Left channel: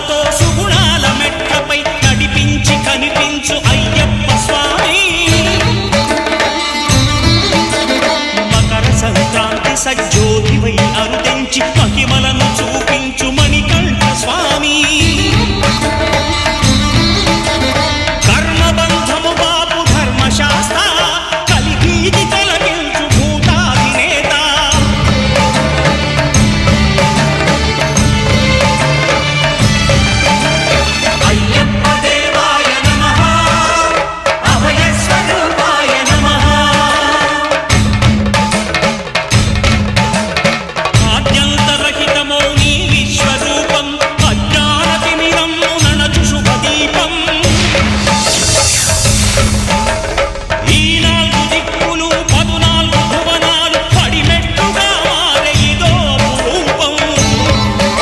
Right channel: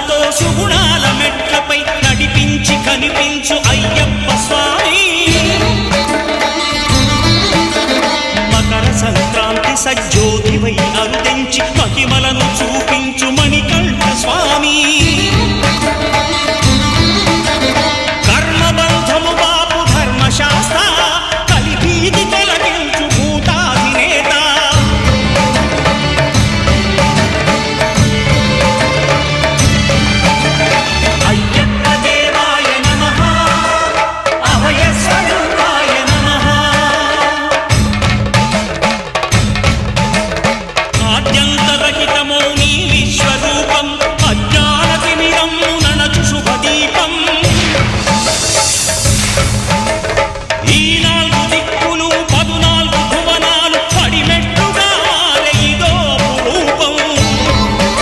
సుగుణాలతో సుగుణాల మెట్లపై నడిపించి కనిపించు అయ్యప్ప స్వామి మకర సంక్రాంతి సజ్జోతివై అరుదెంచి మహిమలను చూపించు